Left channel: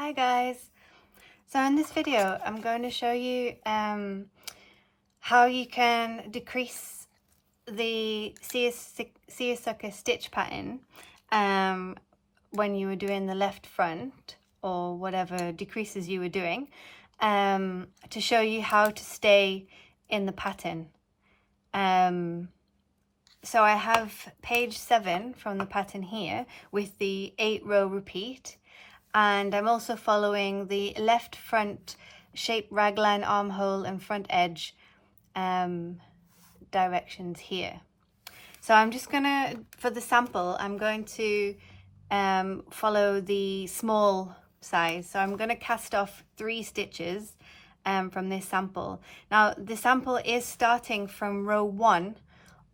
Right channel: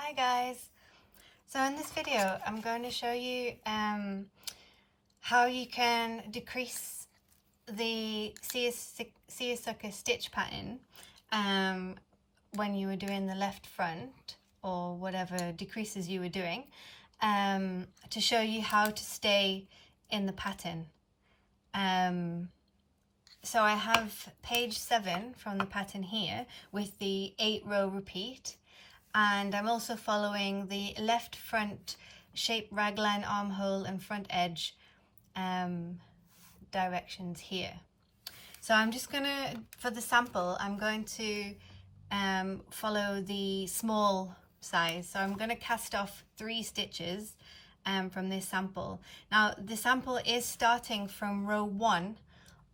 Hi guys! So in this video I'm going to show you how you can decrease the seersucker stitch pattern when you were doing the left front or whatever decreases you were doing, to show you how to stay in the pattern. So I have page 7 from the pattern here with the 8-row repeat, and I'm also following the left front shape raglan armhole and front edge directions here. So I'm just gonna, for the sample, I'm going to follow the small size. So I'm going to cast off 3 stitches from this sample. Now the sample is starting from row 1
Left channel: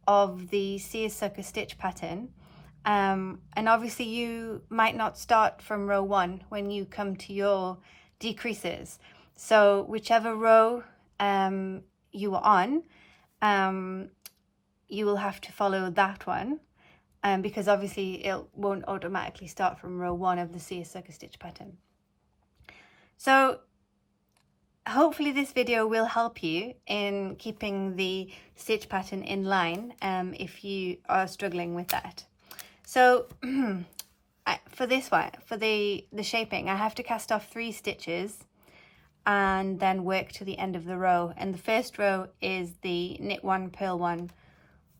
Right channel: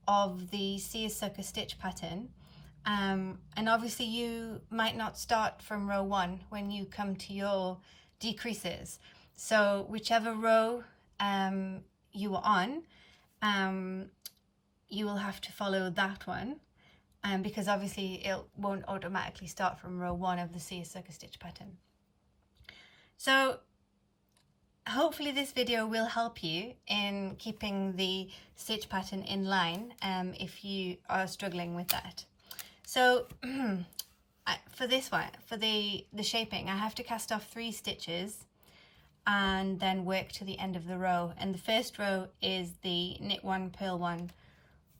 of the seersucker stitch pattern, and obviously you might not start from row 1 when you come to your decreases. So whichever row you are on, you will have to follow that one, because obviously it won't automatically start from row 1 of the seersucker stitch pattern. So hopefully this video will help you in keeping the stitch pattern in line if you are struggling with that. So for this one, for the shaping, I have to cast off 3 stitches and then work to the end of the row. And the first row is the knit 1, purl 1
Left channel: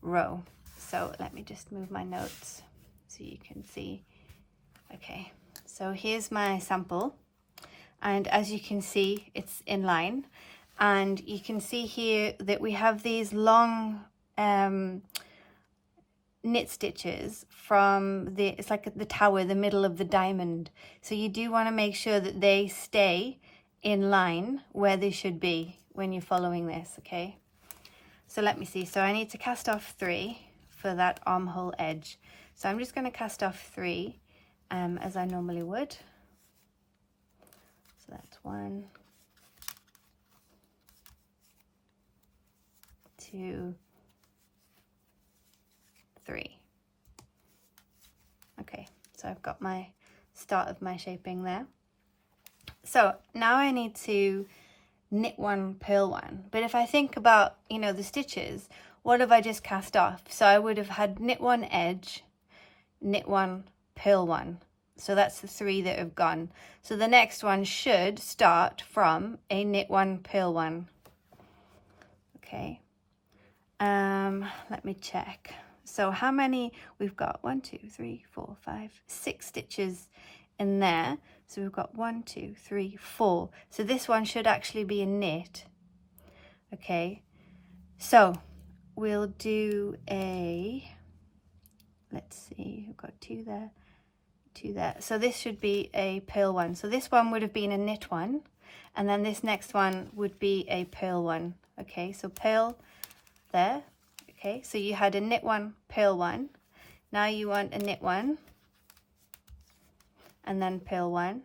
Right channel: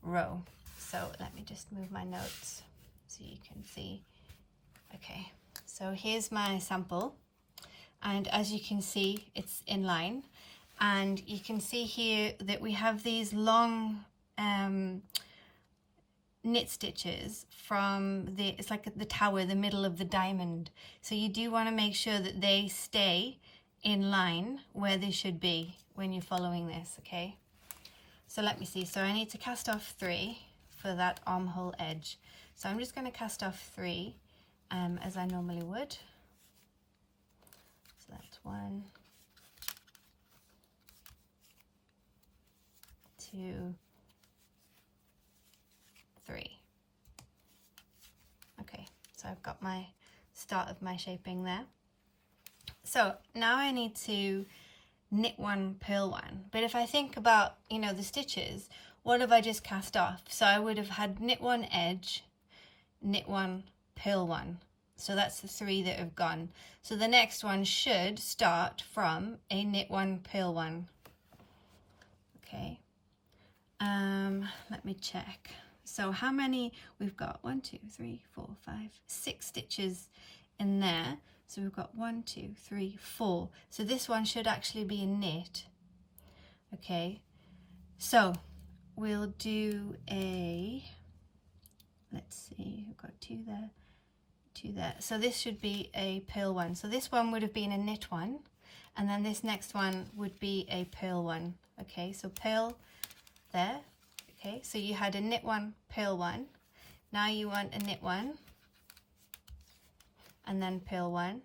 row. So let me just move my notes so you can see. Okay, so here's my sample. And as you can see, it's in line. And you can see here that we have these long knit stitches from it's like the tower, the middle of the diamond. So you do want to make sure that they stay in line where they should be when you're following this, okay? So let me see. So I need to cast off 3 for that armhole edge. So I'm just going to cast off 3 as I normally would. So that's 1, 2, 3. Okay, so I've got my start of my shaping there. So now I need to knit 1, purl 1. But if I think about, you know, the stitches, what have I just cast off? So I would have had knit 1 edge, knit 1, purl 1. So that's the 3 that have gone. So the next one should start from a knit 1, purl 1. Okay. Let me check. So how many we've got? 1, 2, 3, 4, 5, 6 stitches in there. So we've got 1, 2, 3, 4. So this one should actually be a knit. Okay. So we'll do a, let's see, we've got 2 there, 2 there. So this should be a purl 1. So this one would have been a knit 1, and then this next one would be a purl 1. Okay, so purl there. Okay, so you had a knit 1, purl 1. Now you want a knit 1, and then purl 1,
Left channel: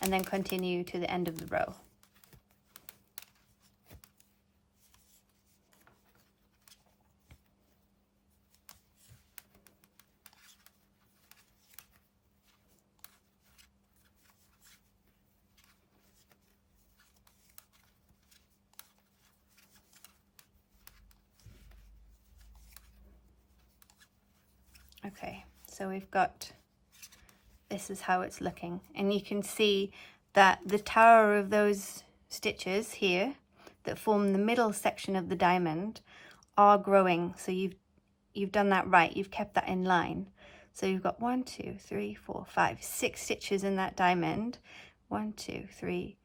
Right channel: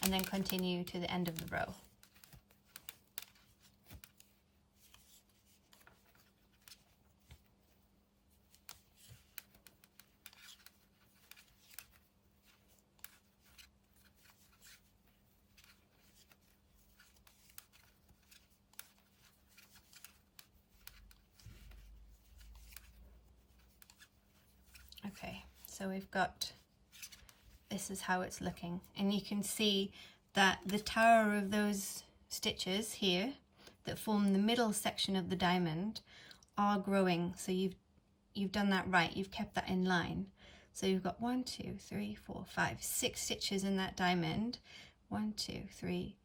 and then continue to the end of the row. Okay, so we've got, this is how it's looking, and you can see that the tower of those stitches here that form the middle section of the diamond are growing. So you've done that right, you've kept that in line. So you've got 1, 2, 3, 4, 5, 6 stitches in that diamond. 1, 2, 3,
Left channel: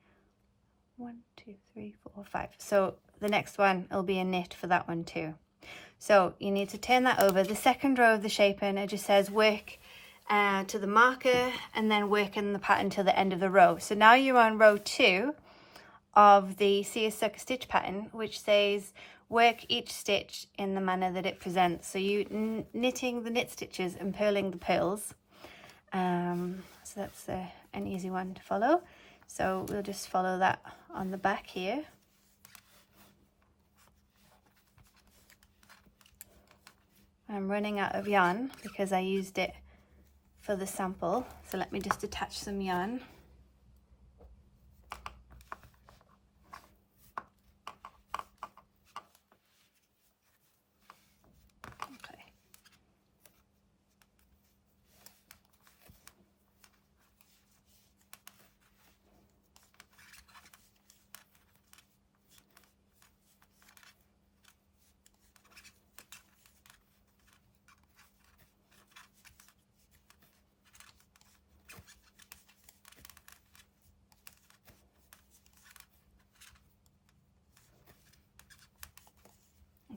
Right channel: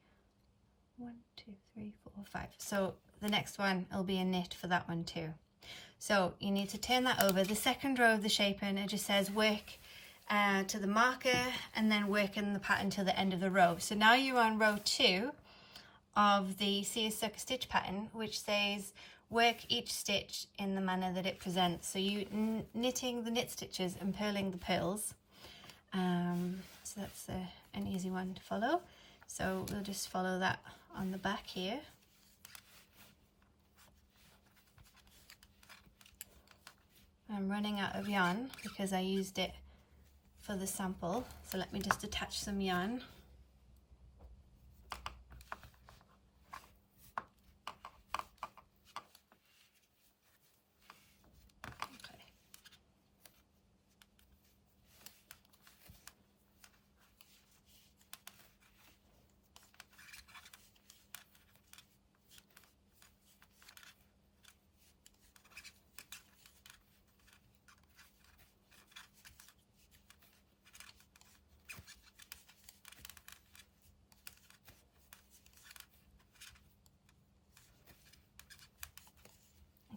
1, 2, 3, 4, 5. So the next one will be a knit for that one too. So you need to turn that over. The second row of the shaping, it just says work to the marker and then work in the pattern till the end of the row. So now you're on row 2 of the seersucker stitch pattern, which says work each stitch in the manner that it presents. So you knitting the knit stitches and purling the purls. So that's an easy one to follow. So we'll just follow that on the back here. I'm running out of yarn because I used it for the sample, so let me just attach some yarn.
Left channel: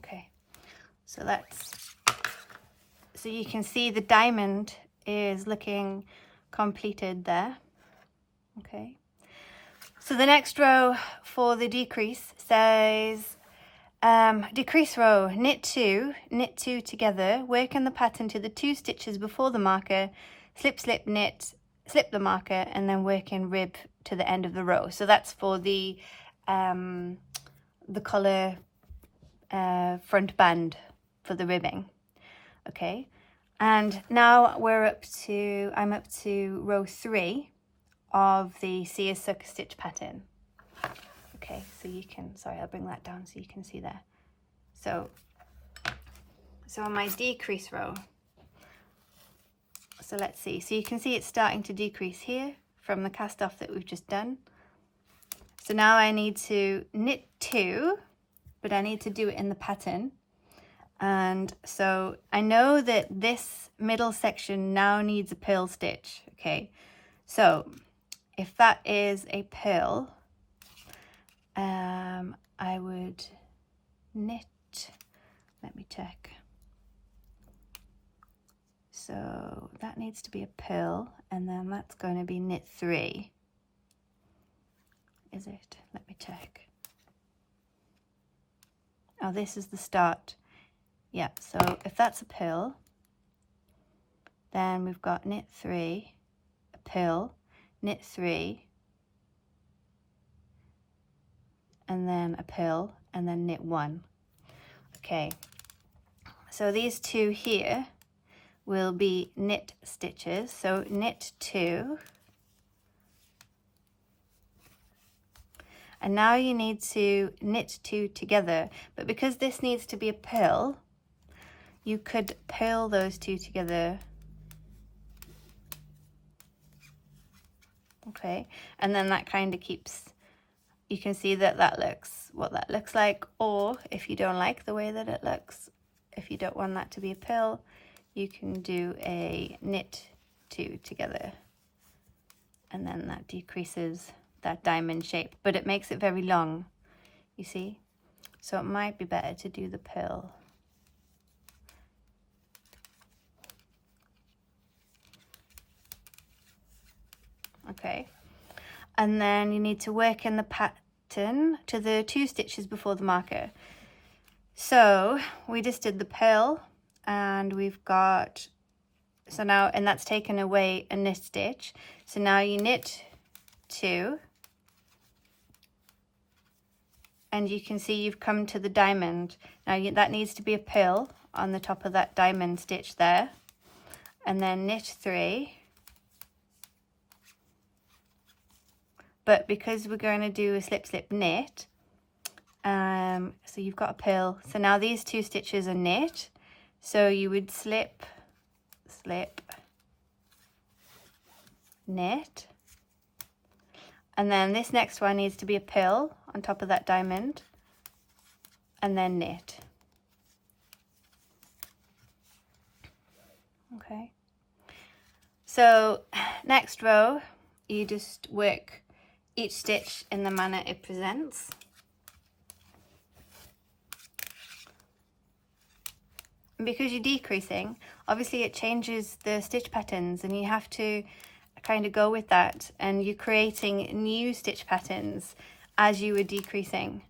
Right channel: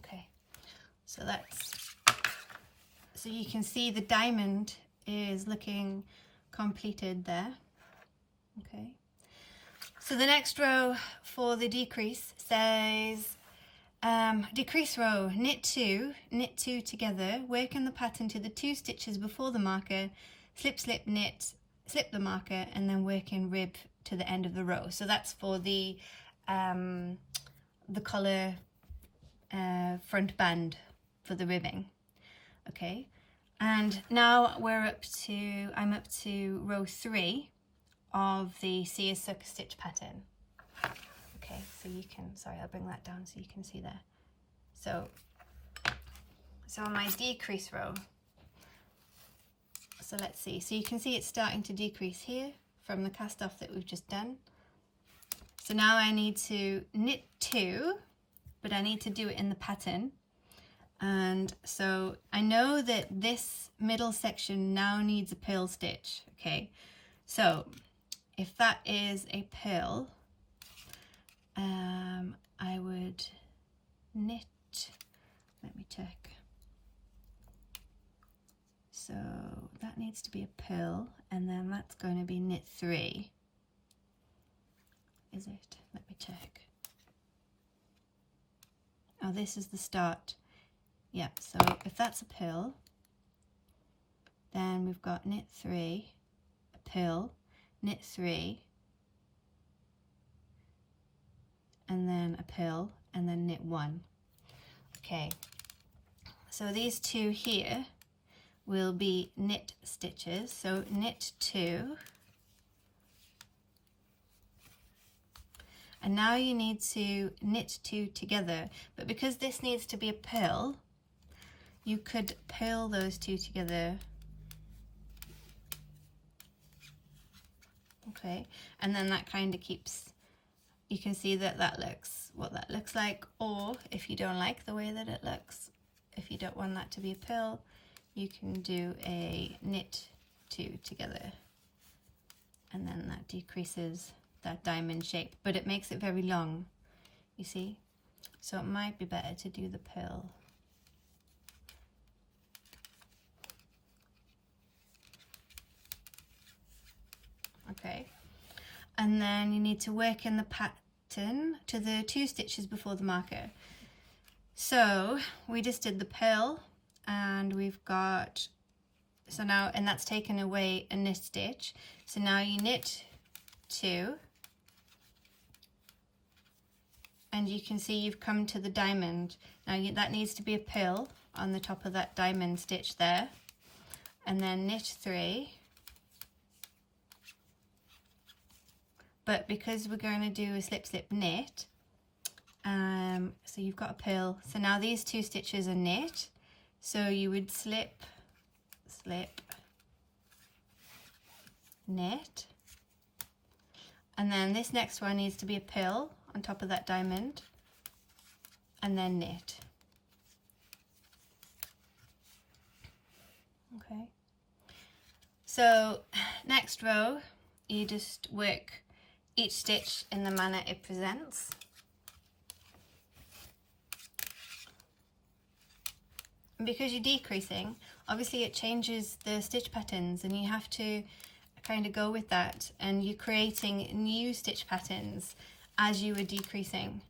Okay, so so you can see the diamond is looking completed there. Okay, so the next row for the decrease says decrease row, knit two together, work in the pattern to the 2 stitches before the marker, slip, slip, knit, slip the marker, and then work in rib to the end of the row. So that's for the collar front band for the ribbing. Okay, and now I'm up to row 3 of the Seersucker stitch pattern. Okay, so you can, sorry, I'll bring that down so you can see there. So on my decrease row, so let's see. So you can see it's starting to decrease here from the cast off that we've just done. So now I need to knit 2, but I need to do it in the pattern. And so I know that this middle section now needs a purl stitch. Okay, so if that is a purl, I would knit, let me check. So that needs to be a purl, and then that's going to be knit 3. Is it? Let me check. Oh, this is the start. Yeah, so if that's a purl, then we've got knit 3, a purl, knit 3, and then a purl, and then knit 1. Okay, so these 2 here will be knit stitches. So knit 2, and now you need to knit 2 together, but because this needs to be a purl, you could purl those 2 together. Okay, and then that kind of keeps, you can see that looks what that looks like. Or if you don't like the way that it looks, if you don't want that to be a purl, you can do a knit 2 together, and then that decreases that diamond shape, but it makes it very long, you see. So it might be better to do the purl. Okay, and then you need to work in the pattern to the 2 stitches before the marker. So we just did the purl, and we've got, so now, and that's taken away a knit stitch. So now you knit 2, and you can see you've come to the diamond. Now that needs to be a purl on the top of that diamond stitch there, and then knit 3. But because we're going to do a slip, slip, knit, so you've got a purl. So now these 2 stitches are knit. So you would slip, slip, knit. And then this next one needs to be a purl on top of that diamond, and then knit. Okay. So next row, you just work each stitch in the manner it presents. And because you're decreasing, obviously it changes the stitch patterns, and you have to kind of go with that, and you're creating new stitch patterns as you were decreasing.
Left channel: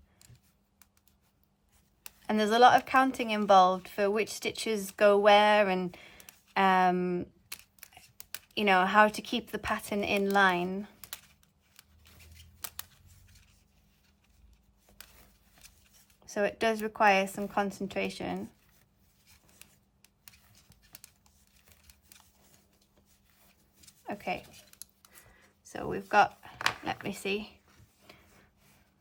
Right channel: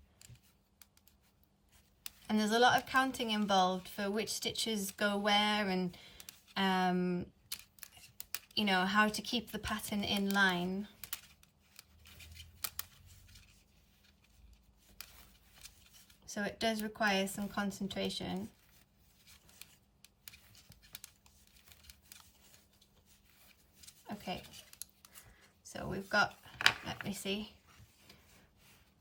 And there's a lot of counting involved for which stitches go where, and you know, how to keep the pattern in line. So it does require some concentration. Okay, so we've got, let me see.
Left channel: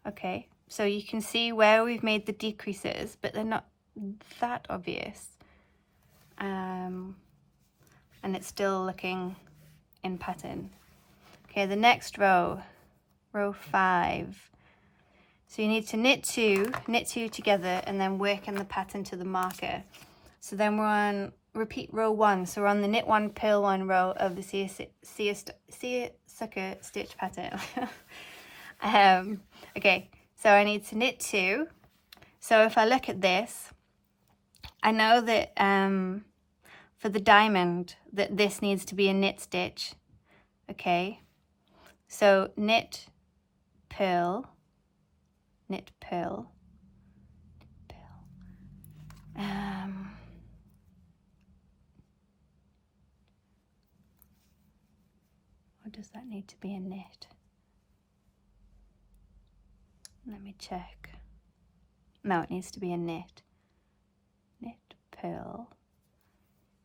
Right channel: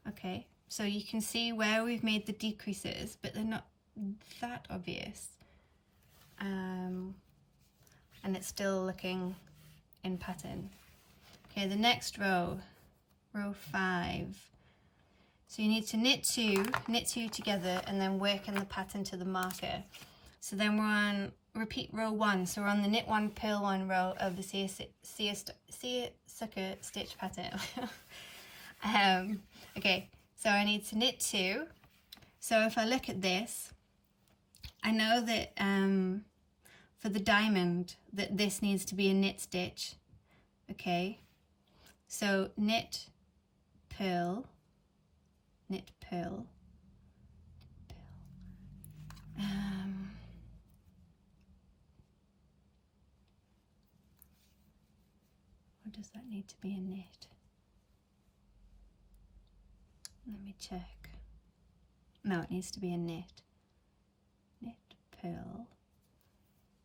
Okay, so you can see where we've made the decreases, but they're not that obvious. And it's still looking in pattern. Okay, the next row, row 5. So you need to knit 2 together, and then work in the pattern to the marker. So then we're on repeat row 1. So we're on the knit 1, purl 1 row of the Seersucker stitch pattern. Okay, so I need to knit 2. So if I look at this, I know that for the diamond that this needs to be a knit stitch. Okay, so knit, purl, knit, purl, or does that need to be a knit? Let me check. No, it needs to be a knit. Knit, purl,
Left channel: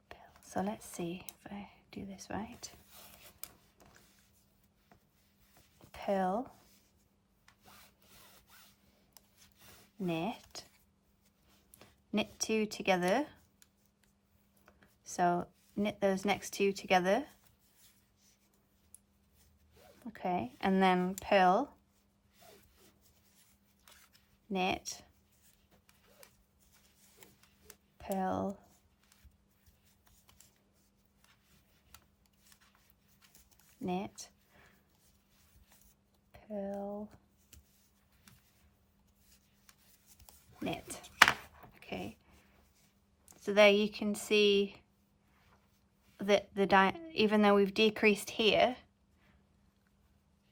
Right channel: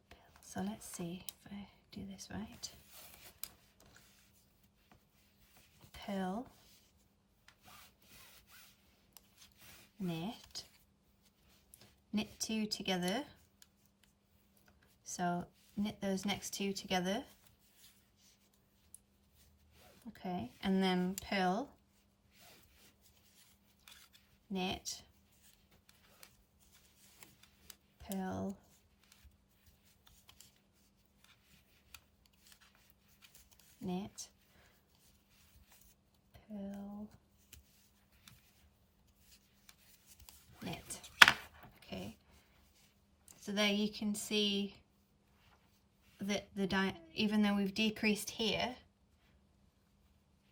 purl. So let's see if I do this right. Purl, knit, knit two together. So knit those next two together. Okay, and then purl, knit, purl, knit, purl, knit. Okay, so there you can see that even though we've decreased here,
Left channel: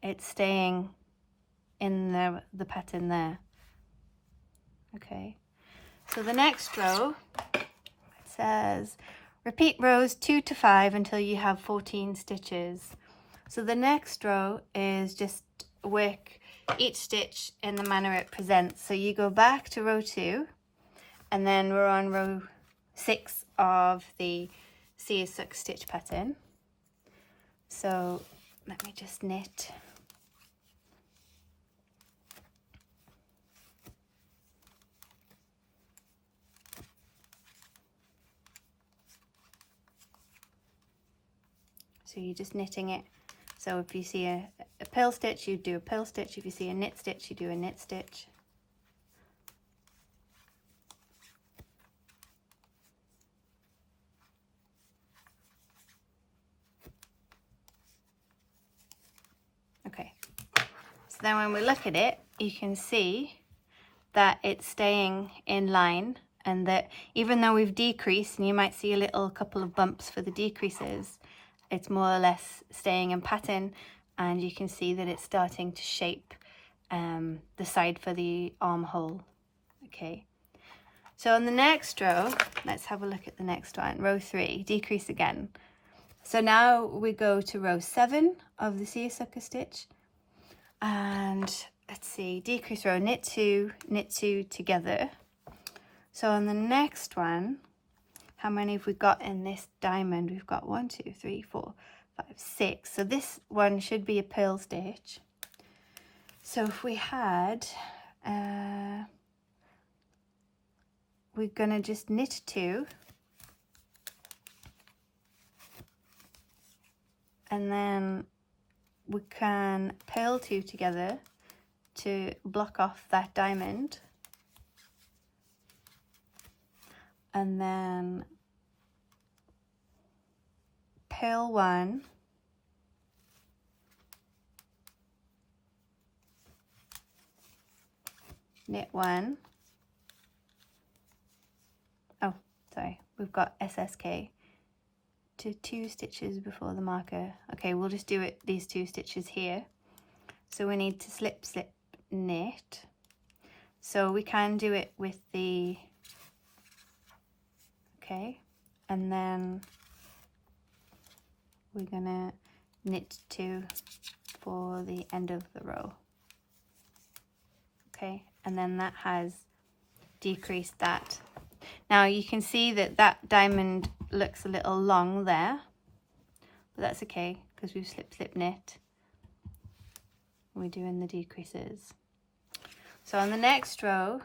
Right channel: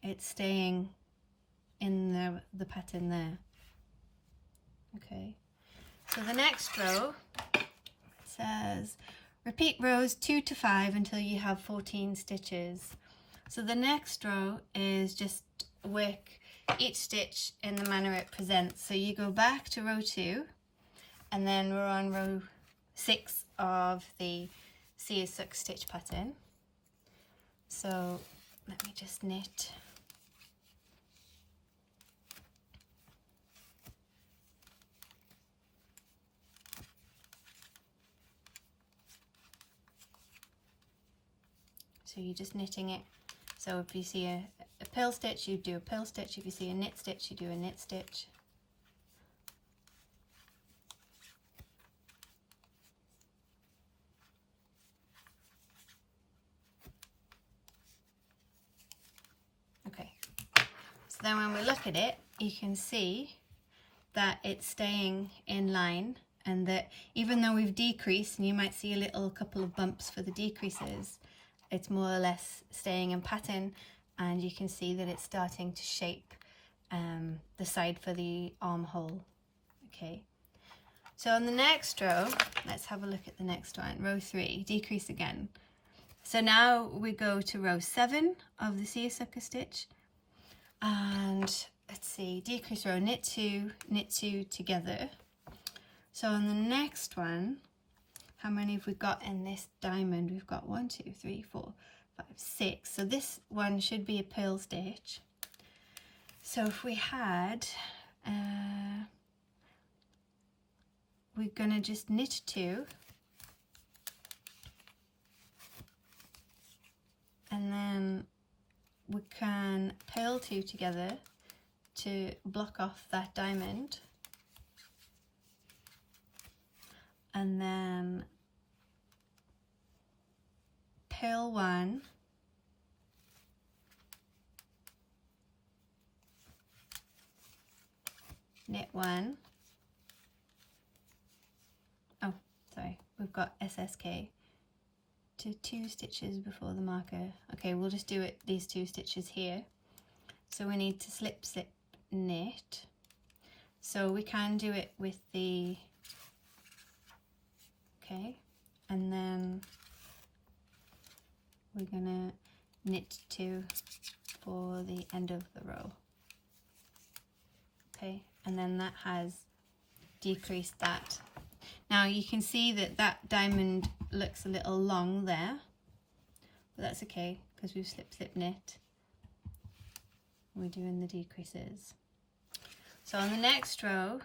it's staying in the pattern there. Okay, so the next row, it says repeat rows 2 to 5 until you have 14 stitches. So the next row is just work each stitch in the manner it presents. So you go back to row 2, and then we're on row 6 of the Seersucker stitch pattern. So let me just knit. So you're just knitting it. So if you see a purl stitch, you do a purl stitch. If you see a knit stitch, you do a knit stitch. Okay, so then when we look at it, you can see that it's staying in line, and that even though we've decreased, and you might see a little couple of bumps for the decreases, it's more or less staying in pattern, and you can see that it's starting to shape the side for the armhole. Okay, so on the next row, let's have a look at the next one, row 3, decrease again. So now we go to row 7 of the Seersucker stitch, and let's see, decrease row, knit 2 together. So on the next one, how many have we got in this diamond? We've got 1, 2, 3, 4, 5, 6. So this one should be a purl stitch. So if we had, we're gonna just knit 2, and then we can purl 2 together to block off that diamond, and then purl 1, knit 1. Oh, sorry, we've got SSK to 2 stitches before the marker. Okay, we'll just do it these 2 stitches here. So we need to slip, slip, knit. So we can do it with the, okay, and then we're gonna knit 2 for the end of the row. Okay, and then that has decreased that. Now you can see that that diamond looks a little long there, but that's okay because we've slip, slip, knit. We're doing the decreases. So on the next row,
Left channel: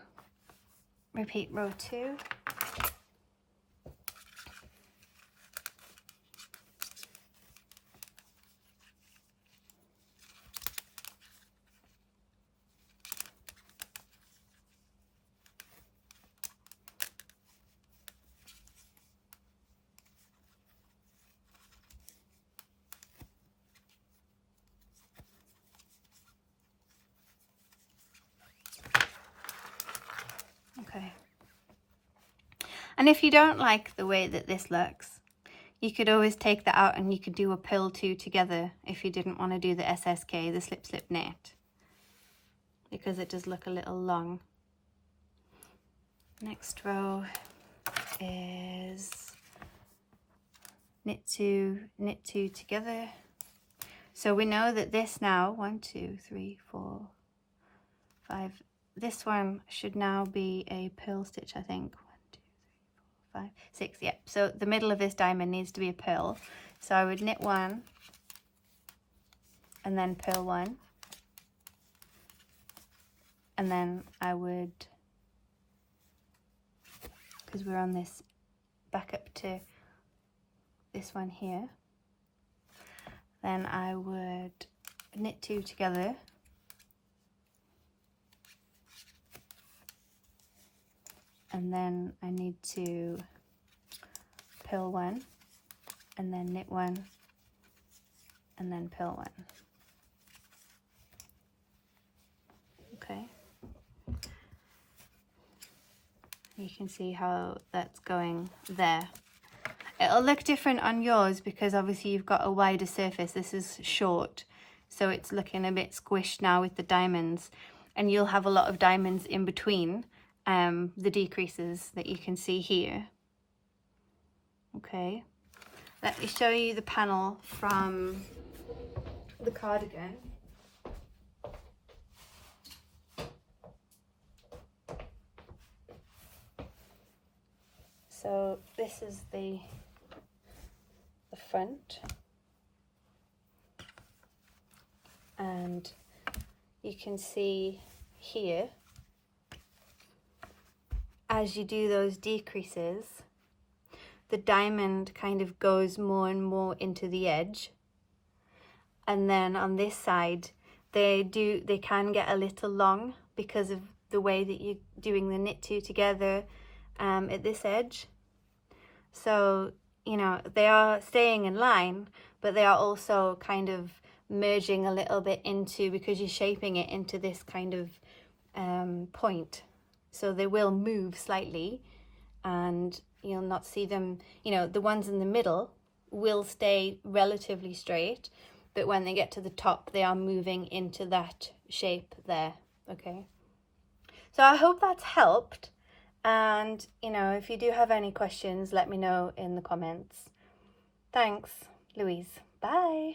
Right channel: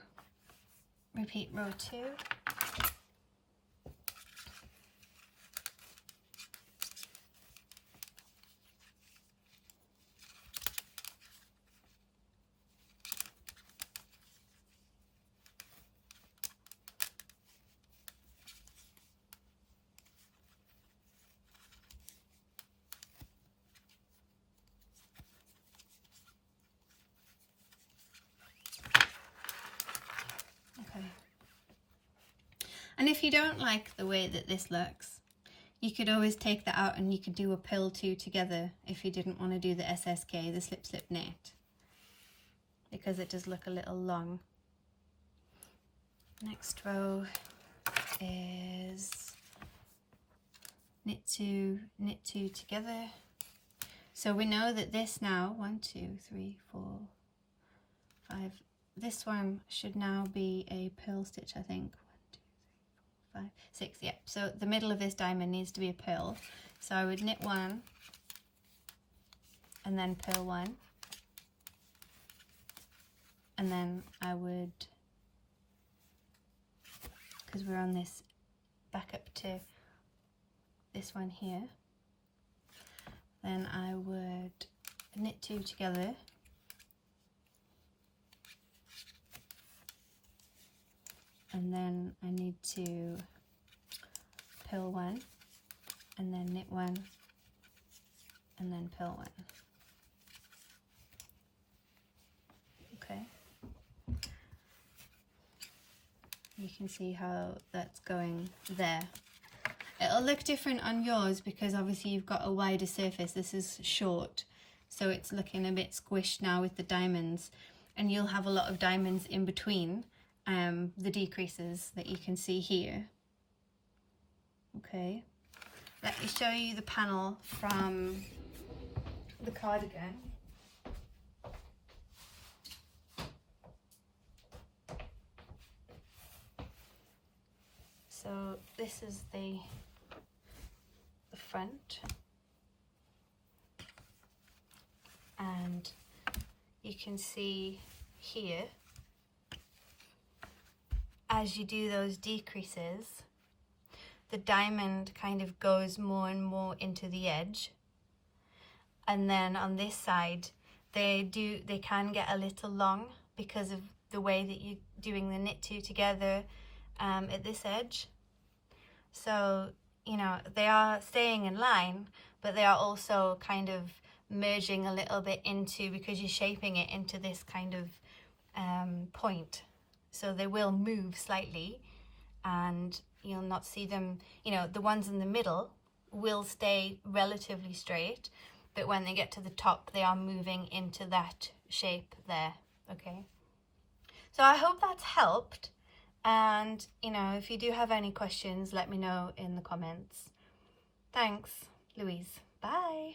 repeat row 2. Okay. And if you don't like the way that this looks, you could always take that out and you could do a pill two together if you didn't want to do the SSK, the slip slip knit, because it does look a little long. Next row is knit two together. So we know that this now, 1, 2, 3, 4, 5, this one should now be a purl stitch, I think. 1, 2, 3, 4, 5, 6, yeah. So the middle of this diamond needs to be a purl. So I would knit one and then purl one. And then I would, because we're on this back up to this one here, then I would knit two together, and then I need to purl one and then knit one and then purl one. Okay, you can see how that's going there. It'll look different on yours because obviously you've got a wider surface. This is short, so it's looking a bit squished now with the diamonds, and you'll have a lot of diamonds in between the decreases that you can see here. Okay, let me show you the panel from the cardigan. So this is the front, and you can see here, as you do those decreases, the diamond kind of goes more and more into the edge, and then on this side they can get a little long because of the way that you're doing the knit two together at this edge. So, you know, they are staying in line, but they are also kind of merging a little bit into, because you're shaping it into this kind of point. So they will move slightly, and you'll not see them, you know, the ones in the middle will stay relatively straight, but when they get to the top, they are moving into that shape there, okay? So I hope that's helped. And, you know, if you do have any questions, let me know in the comments. Thanks, Louise. Bye.